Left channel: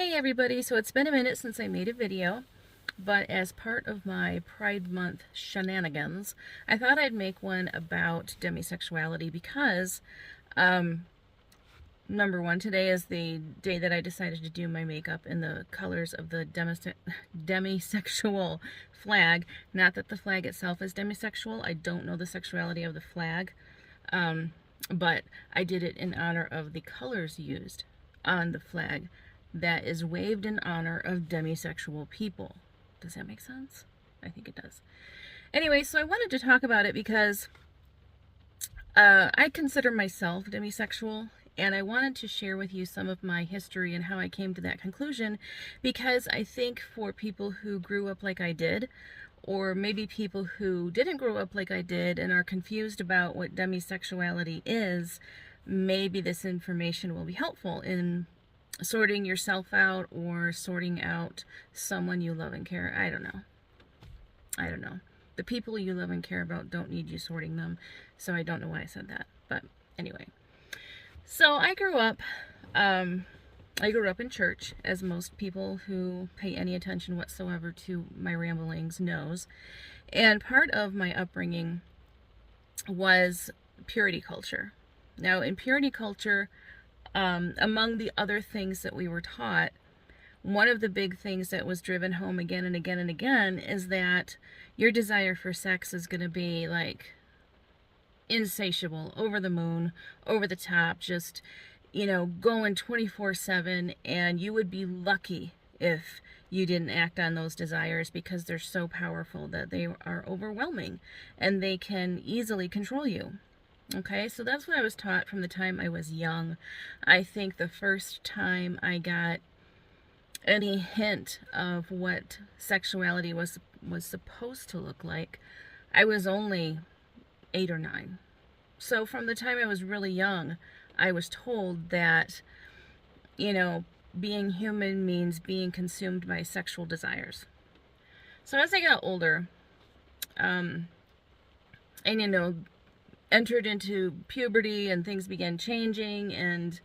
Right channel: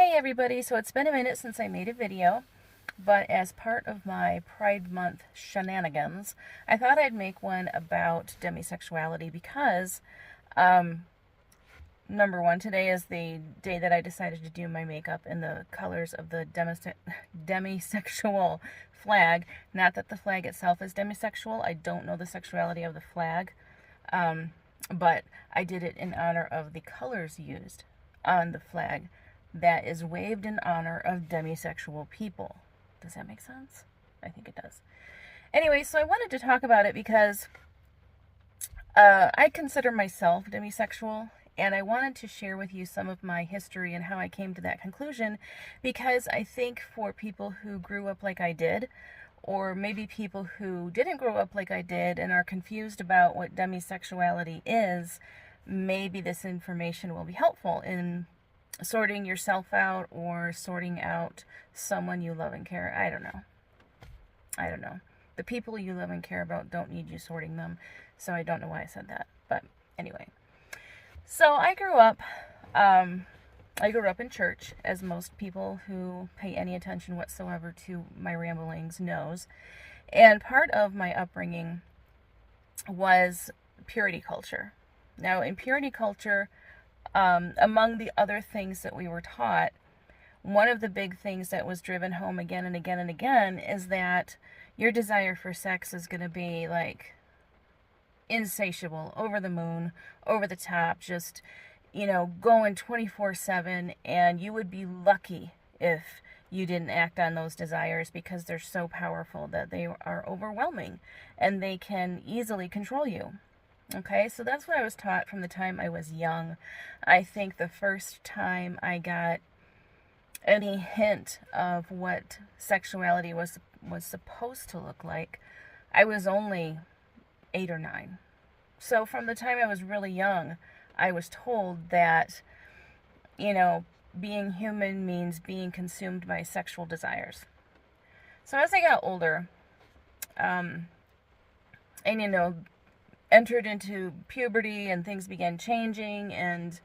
Hey everybody, so it's been a minute since I made a video, but as part of my Pride Month shenanigans, I thought I'd make one about demisexuality because, number one, today is the day that I decided to do my makeup in the colors of the demisexual flag. Not that the flag itself is demisexual, I don't know the sexuality of the flag, but I did it in honor of the colors used on the flag that is waved in honor of demisexual people. Does that make sense? I think it does. Anyway, so I wanted to talk about it because I consider myself demisexual, and I wanted to share with you some of my history and how I came to that conclusion, because I think for people who grew up like I did, or maybe people who didn't grow up like I did and are confused about what demisexuality is, maybe this information will be helpful in sorting yourself out or sorting out someone you love and care. I don't know. The people you love and care about don't need you sorting them, so I don't know why I said that. But anyway, so I grew up in church, as most people who pay any attention whatsoever to my ramblings knows. And part of my upbringing was purity culture. Now, in purity culture, among the other things that we were taught, one of the big things that was driven home again and again and again is that your desire for sex is going to be like insatiable, over the moon, over the top, just, going 24/7, and you would be lucky if you didn't act on those desires, because they're so powerful that they are overwhelming and they can easily control you. Okay, so that's what I was taught from the time I was young. I think the first time I got any hint of what sexuality was supposed to look like, I was only 8 or 9. So from the time I was really young, I was told that, being human means being consumed by sexual desires. So as I got older, and entered into puberty and things began changing, and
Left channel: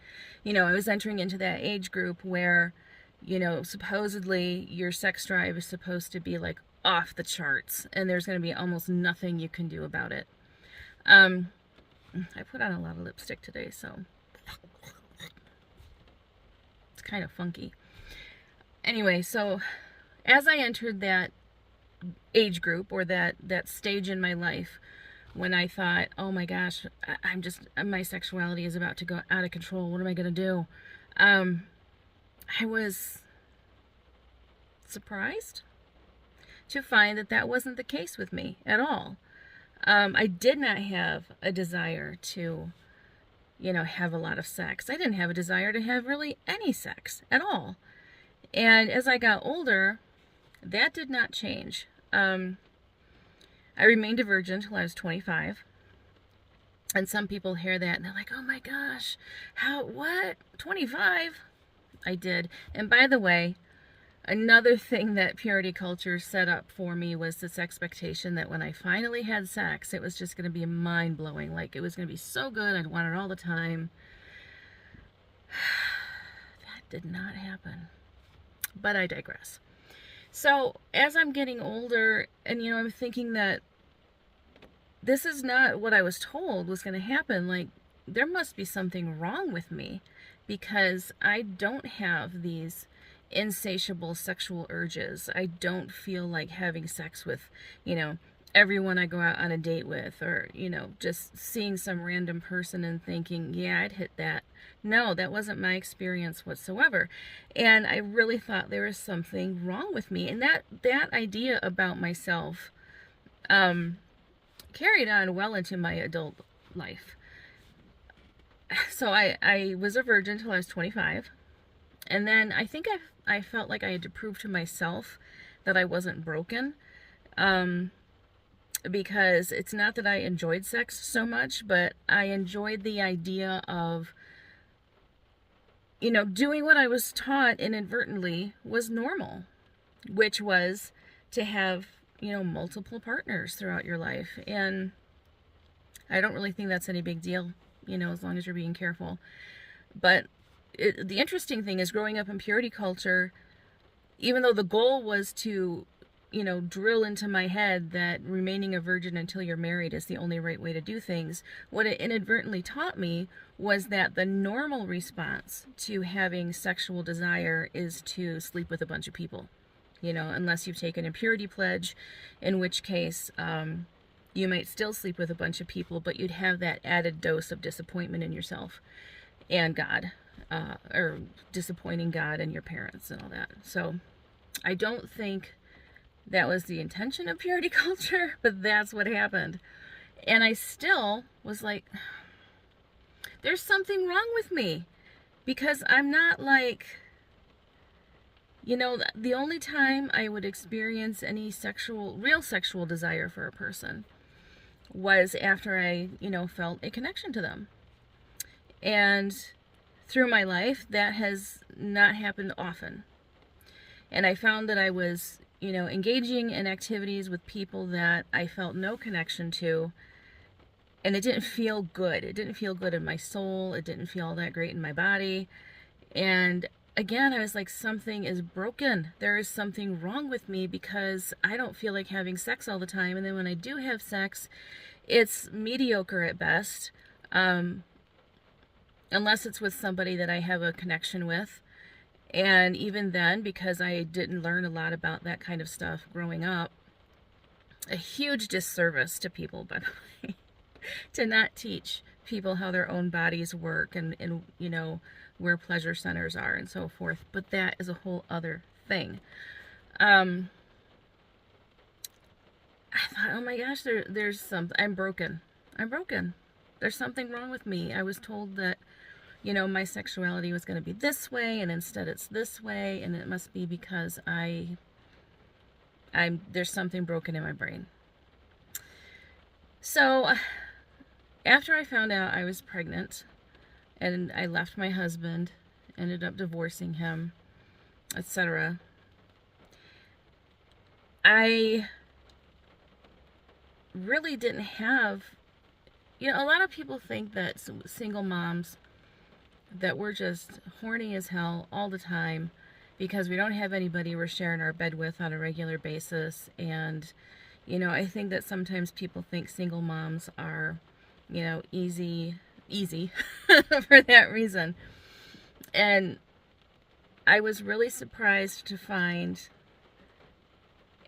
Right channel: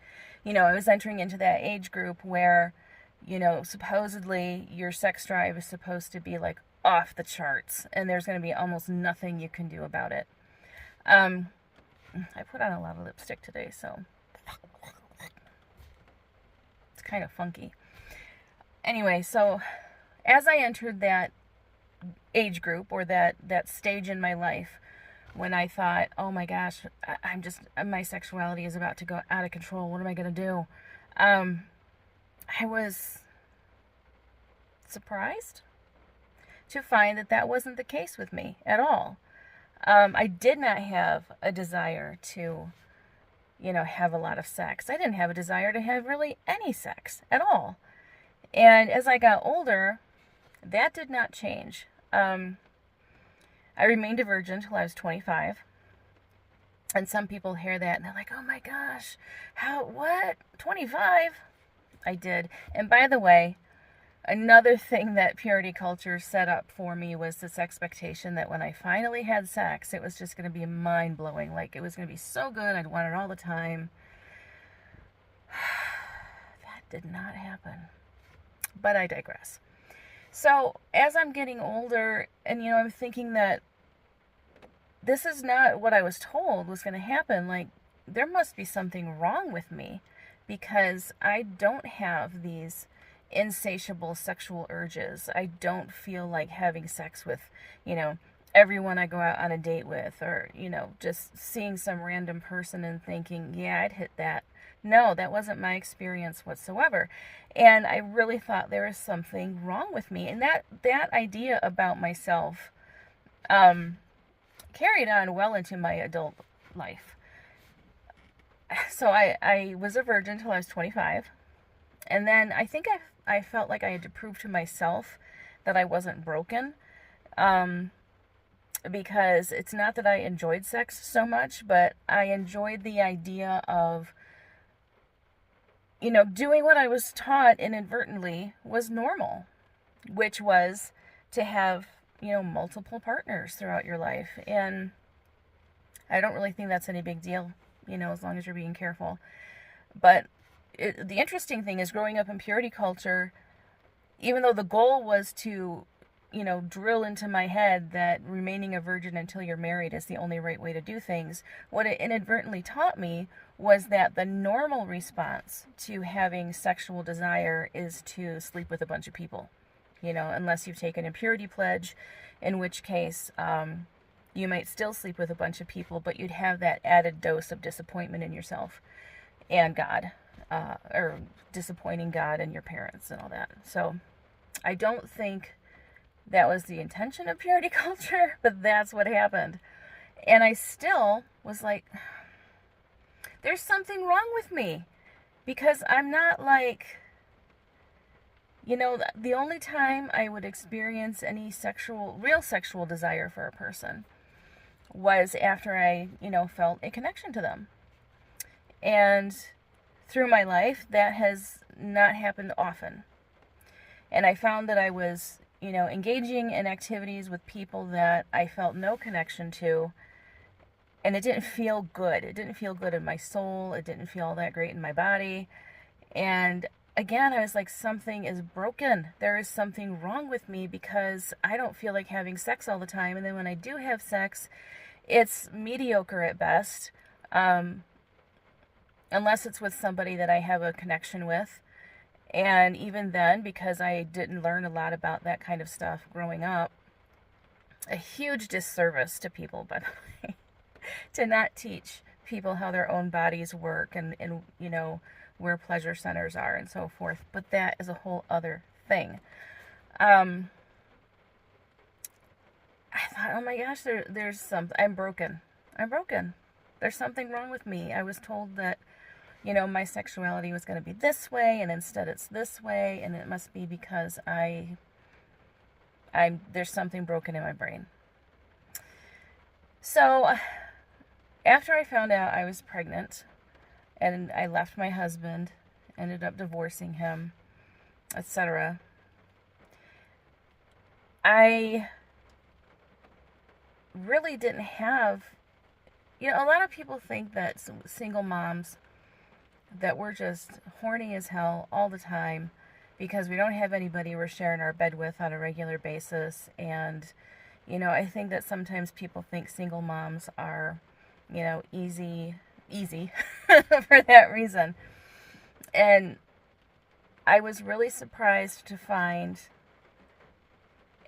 I was entering into that age group where supposedly your sex drive is supposed to be like off the charts, and there's going to be almost nothing you can do about it. I put on a lot of lipstick today, so it's kind of funky. Anyway, so as I entered that age group, or that stage in my life, when I thought, oh my gosh, my sexuality is about to go out of control, what am I going to do? I was surprised to find that wasn't the case with me at all. I did not have a desire to, have a lot of sex. I didn't have a desire to have really any sex at all. And as I got older, that did not change. I remained a virgin until I was 25. And some people hear that and they're like, oh my gosh, what? 25? I did. And by the way, another thing that purity culture set up for me was this expectation that when I finally had sex, it was just going to be mind-blowing. Like, it was going to be so good, I'd want it all the time. That did not happen. But I digress. So, as I'm getting older, and I'm thinking that this is not what I was told was going to happen, like, there must be something wrong with me, because I don't have these insatiable sexual urges. I don't feel like having sex with, everyone I go out on a date with, or, just seeing some random person and thinking, yeah, I'd hit that. No, that wasn't my experience whatsoever. And I really thought there was something wrong with me. And that idea about myself carried on well into my adult life. So I was a virgin until I was 25. And then I think I felt like I had to prove to myself that I wasn't broken. Because it's not that I enjoyed sex so much, but I enjoyed the idea of, doing what I was taught inadvertently was normal, which was to have, multiple partners throughout your life. And I don't really think that's any big deal, as long as you're being careful. But the interesting thing is, growing up in purity culture, even though the goal was to, drill into my head that remaining a virgin until you're married is the only right way to do things, what it inadvertently taught me was that the normal response to having sexual desire is to sleep with a bunch of people, unless you've taken a purity pledge, in which case you might still sleep with a bunch of people, but you'd have that added dose of disappointment in yourself and God, or disappointing God and your parents and all that. So I don't think that was the intention of purity culture, but that's what happened. And I still was like, there's something wrong with me, because I'm not like, the only time I would experience any real sexual desire for a person was after I, felt a connection to them. And through my life, that has not happened often. And I found that I was, engaging in activities with people that I felt no connection to, and it didn't feel good. It didn't feel good in my soul. It didn't feel all that great in my body. And again, I was like, something is broken. There is something wrong with me, because I don't feel like having sex all the time. And then when I do have sex, it's mediocre at best, unless it's with somebody that I have a connection with. And even then, because I didn't learn a lot about that kind of stuff growing up, a huge disservice to people, by the way, to not teach people how their own bodies work and where pleasure centers are and so forth. But that is a whole other thing. I thought, oh my gosh, there's something. I'm broken. There's something wrong with me. I was told that, my sexuality was going to be this way, and instead it's this way, and it must be because there's something broken in my brain. So after I found out I was pregnant, and I left my husband, ended up divorcing him, etc., I really didn't have, a lot of people think that single moms, that we're just horny as hell all the time because we don't have anybody we're sharing our bed with on a regular basis. And, I think that sometimes people think single moms are, easy for that reason. And I was really surprised to find,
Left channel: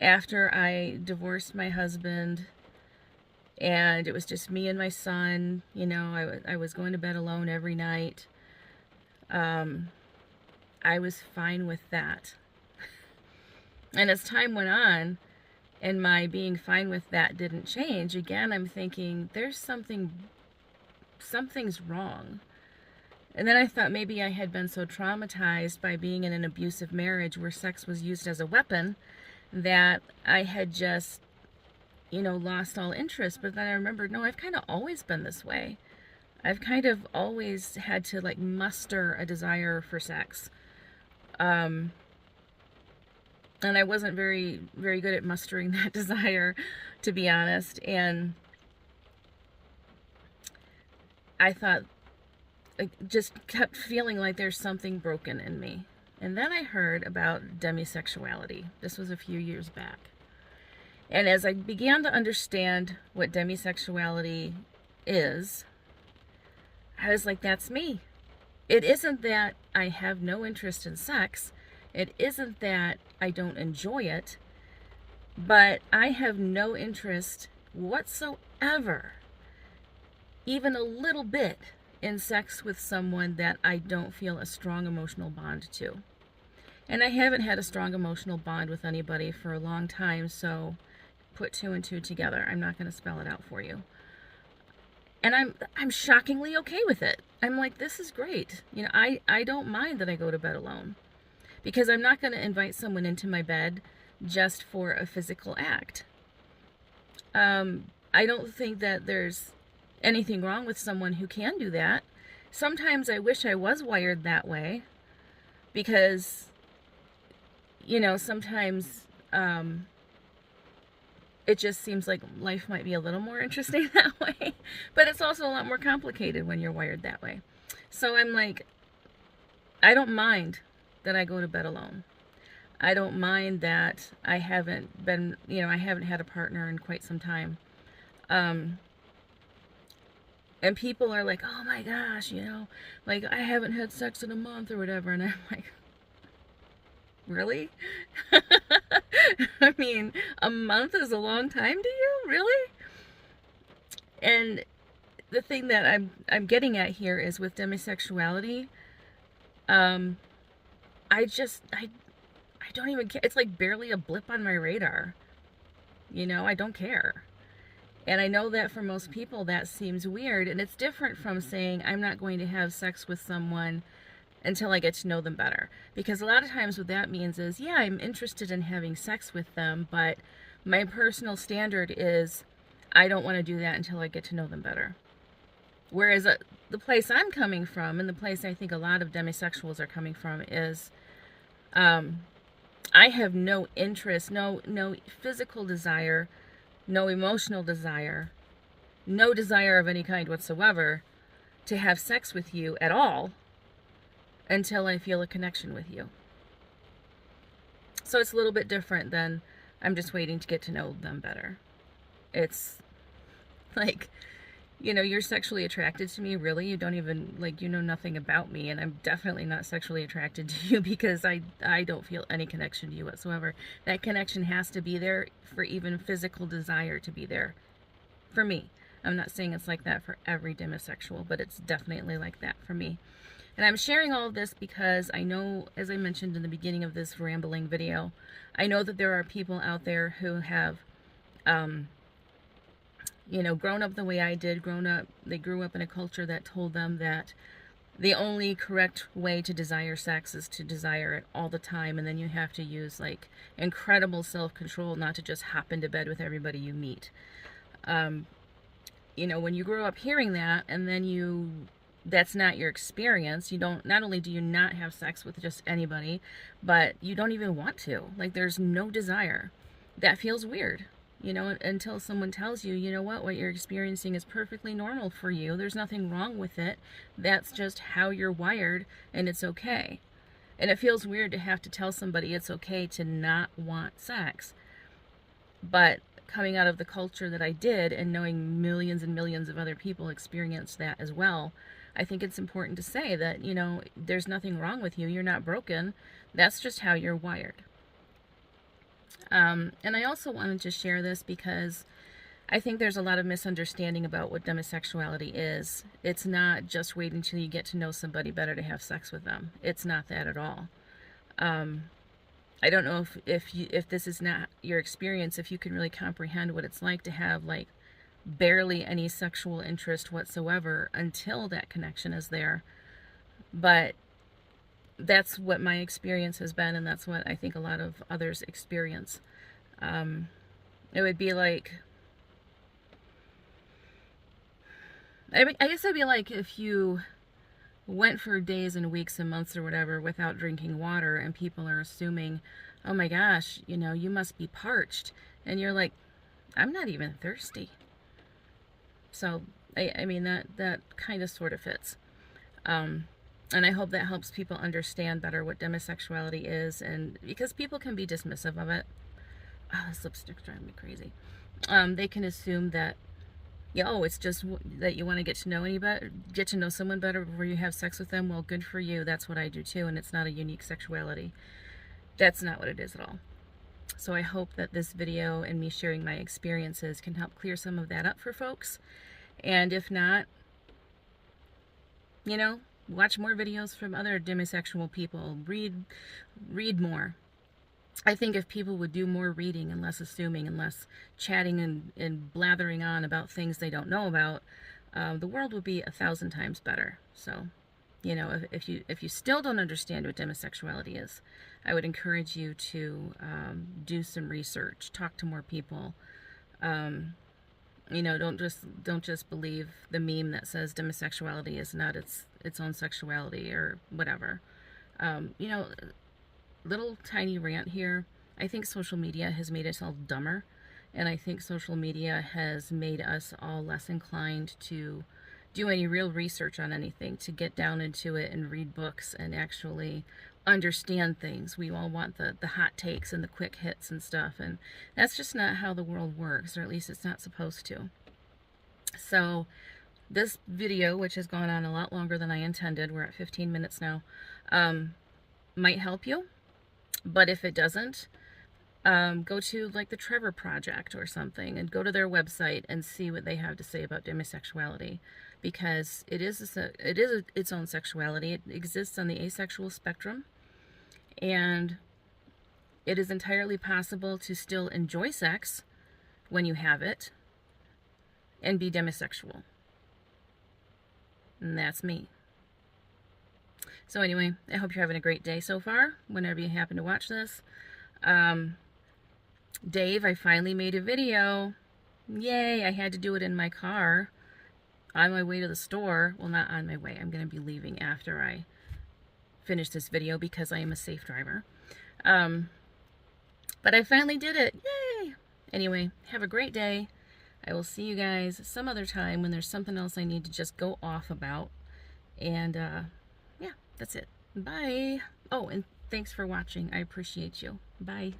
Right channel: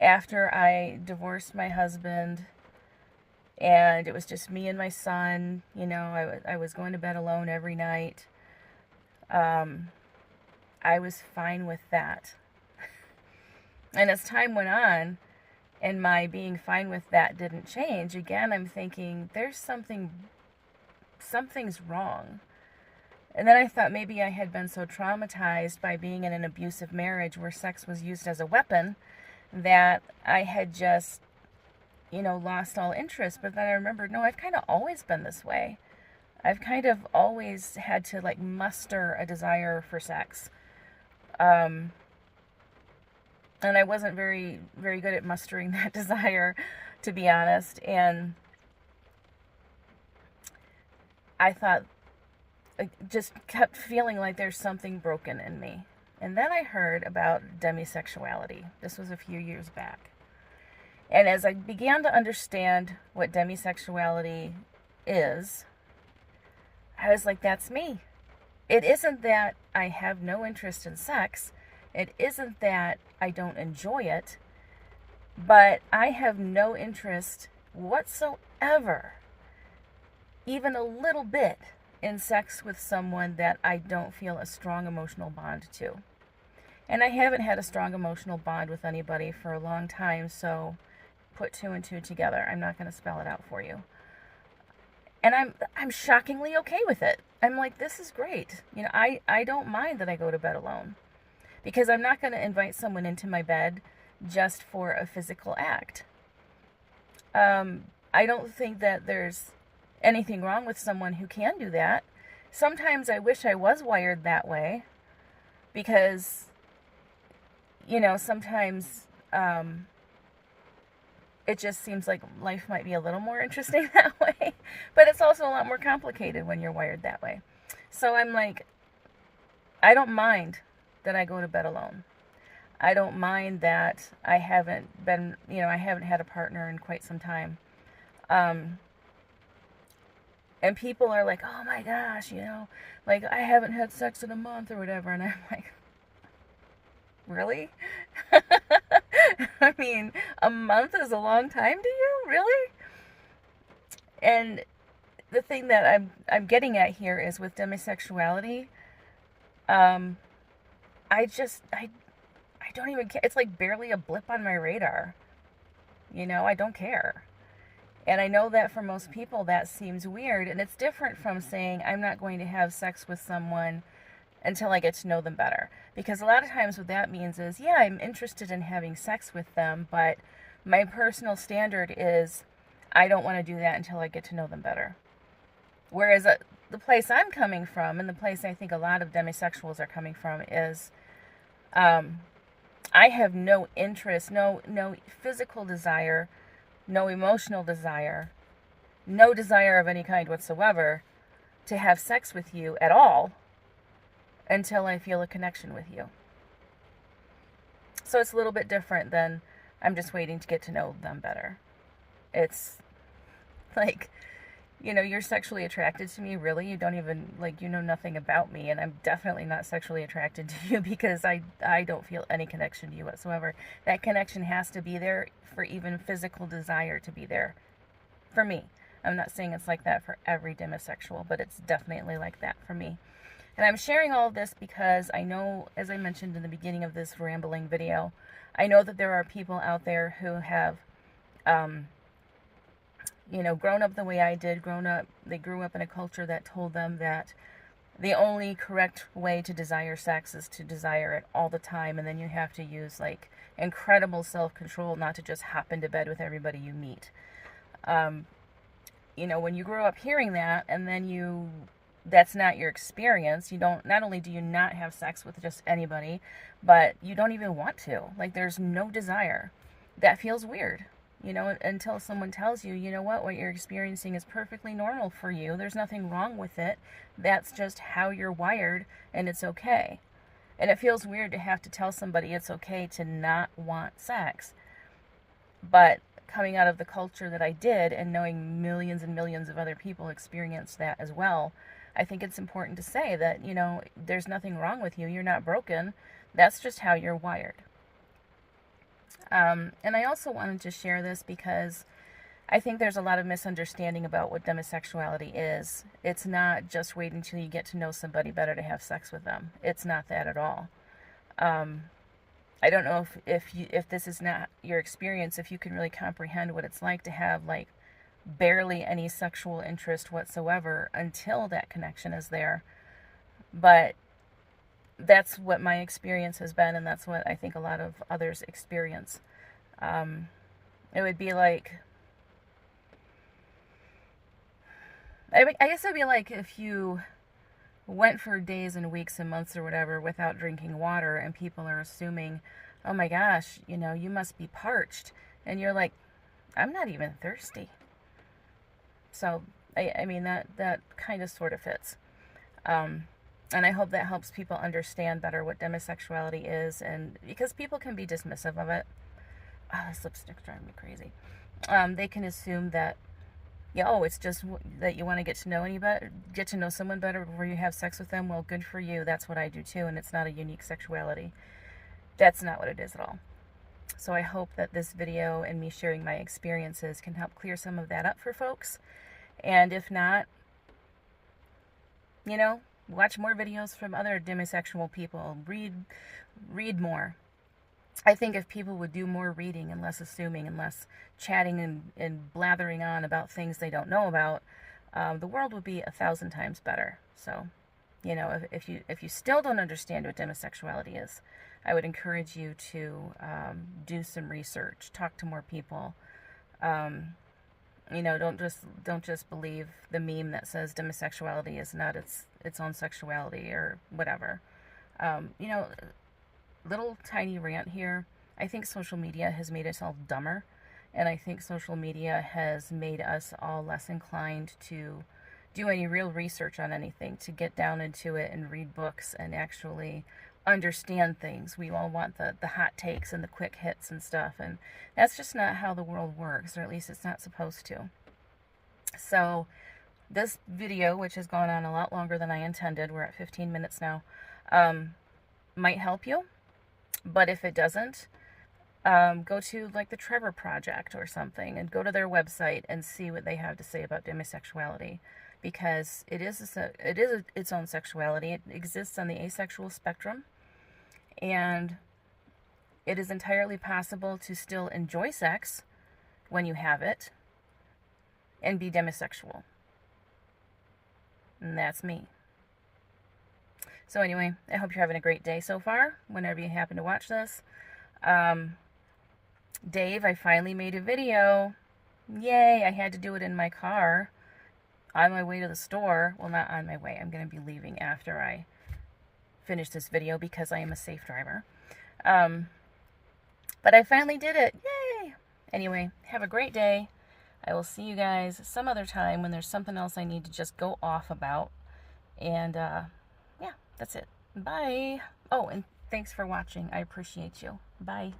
after I divorced my husband and it was just me and my son, I was going to bed alone every night. I was fine with that. And as time went on and my being fine with that didn't change, again, I'm thinking something's wrong. And then I thought maybe I had been so traumatized by being in an abusive marriage where sex was used as a weapon that I had just, lost all interest. But then I remembered, no, I've kind of always been this way. I've kind of always had to muster a desire for sex. And I wasn't very, very good at mustering that desire, to be honest. And I thought, I just kept feeling like there's something broken in me. And then I heard about demisexuality. This was a few years back. And as I began to understand what demisexuality is, I was like, that's me. It isn't that I have no interest in sex. It isn't that I don't enjoy it. But I have no interest whatsoever, even a little bit, in sex with someone that I don't feel a strong emotional bond to. And I haven't had a strong emotional bond with anybody for a long time, so put two and two together. I'm not going to spell it out for you. And I'm shockingly okay with it. I'm like, this is great. I don't mind that I go to bed alone, because I'm not going to invite someone into my bed just for a physical act. I don't think that there's anything wrong with someone who can do that. Sometimes I wish I was wired that way, because, sometimes it just seems like life might be a little more interesting that way. But it's also a lot more complicated when you're wired that way. So I'm like, I don't mind that I go to bed alone. I don't mind that I haven't been, I haven't had a partner in quite some time. Um, and people are like, oh my gosh, like I haven't had sex in a month or whatever. And I'm like, really? I mean, a month is a long time to you? Really? And the thing that I'm getting at here is with demisexuality, um, I don't even care. It's like barely a blip on my radar. I don't care. And I know that for most people that seems weird, and it's different from saying I'm not going to have sex with someone until I get to know them better. Because a lot of times what that means is, yeah, I'm interested in having sex with them, but my personal standard is I don't want to do that until I get to know them better. Whereas the place I'm coming from, and the place I think a lot of demisexuals are coming from, is I have no interest, no physical desire, no emotional desire, no desire of any kind whatsoever to have sex with you at all until I feel a connection with you. So it's a little bit different than I'm just waiting to get to know them better. It's like, you're sexually attracted to me, really? You don't even, like, you know nothing about me, and I'm definitely not sexually attracted to you because I don't feel any connection to you whatsoever. That connection has to be there for even physical desire to be there for me. I'm not saying it's like that for every demisexual, but it's definitely like that for me. And I'm sharing all of this because I know, as I mentioned in the beginning of this rambling video, I know that there are people out there who have, grown up the way I did. They grew up in a culture that told them that the only correct way to desire sex is to desire it all the time, and then you have to use like incredible self-control not to just hop into bed with everybody you meet. When you grow up hearing that, and then that's not your experience, not only do you not have sex with just anybody, but you don't even want to. Like, there's no desire. That feels weird. Until someone tells you, what you're experiencing is perfectly normal for you. There's nothing wrong with it. That's just how you're wired, and it's okay. And it feels weird to have to tell somebody it's okay to not want sex. But coming out of the culture that I did and knowing millions and millions of other people experienced that as well, I think it's important to say that, there's nothing wrong with you. You're not broken. That's just how you're wired. And I also wanted to share this because I think there's a lot of misunderstanding about what demisexuality is. It's not just waiting until you get to know somebody better to have sex with them. It's not that at all. I don't know if this is not your experience, if you can really comprehend what it's like to have like barely any sexual interest whatsoever until that connection is there. But that's what my experience has been, and that's what I think a lot of others experience. It would be like, I guess it would be like if you went for days and weeks and months or whatever without drinking water, and people are assuming, oh my gosh, you must be parched. And you're like, I'm not even thirsty. So, I mean, that kind of sort of fits. And I hope that helps people understand better what demisexuality is, and because people can be dismissive of it. Oh, this lipstick's driving me crazy. They can assume that, it's just that you want to get to know someone better before you have sex with them. Well, good for you. That's what I do too, and it's not a unique sexuality. That's not what it is at all. So I hope that this video and me sharing my experiences can help clear some of that up for folks. And if not, watch more videos from other demisexual people. Read more. I think if people would do more reading and less assuming and less chatting and blathering on about things they don't know about, the world would be 1,000 times better. So, if you still don't understand what demisexuality is, I would encourage you to do some research, talk to more people. Don't just believe the meme that says demisexuality is not its own sexuality or whatever. Little tiny rant here. I think social media has made us all dumber, and I think social media has made us all less inclined to do any real research on anything, to get down into it and read books and actually understand things. We all want the hot takes and the quick hits and stuff, and that's just not how the world works, or at least it's not supposed to. So this video, which has gone on a lot longer than I intended, we're at 15 minutes now, might help you. But if it doesn't, go to like the Trevor Project or something and go to their website and see what they have to say about demisexuality, because it is its own sexuality. It exists on the asexual spectrum, and it is entirely possible to still enjoy sex when you have it and be demisexual. And that's me. So anyway, I hope you're having a great day so far, whenever you happen to watch this. Dave, I finally made a video. Yay, I had to do it in my car on my way to the store. Well, not on my way. I'm going to be leaving after I finish this video because I am a safe driver. But I finally did it. Yay! Anyway, have a great day. I will see you guys some other time when there's something else I need to just go off about. And, yeah, that's it. Bye. Oh, and thanks for watching. I appreciate you. Bye.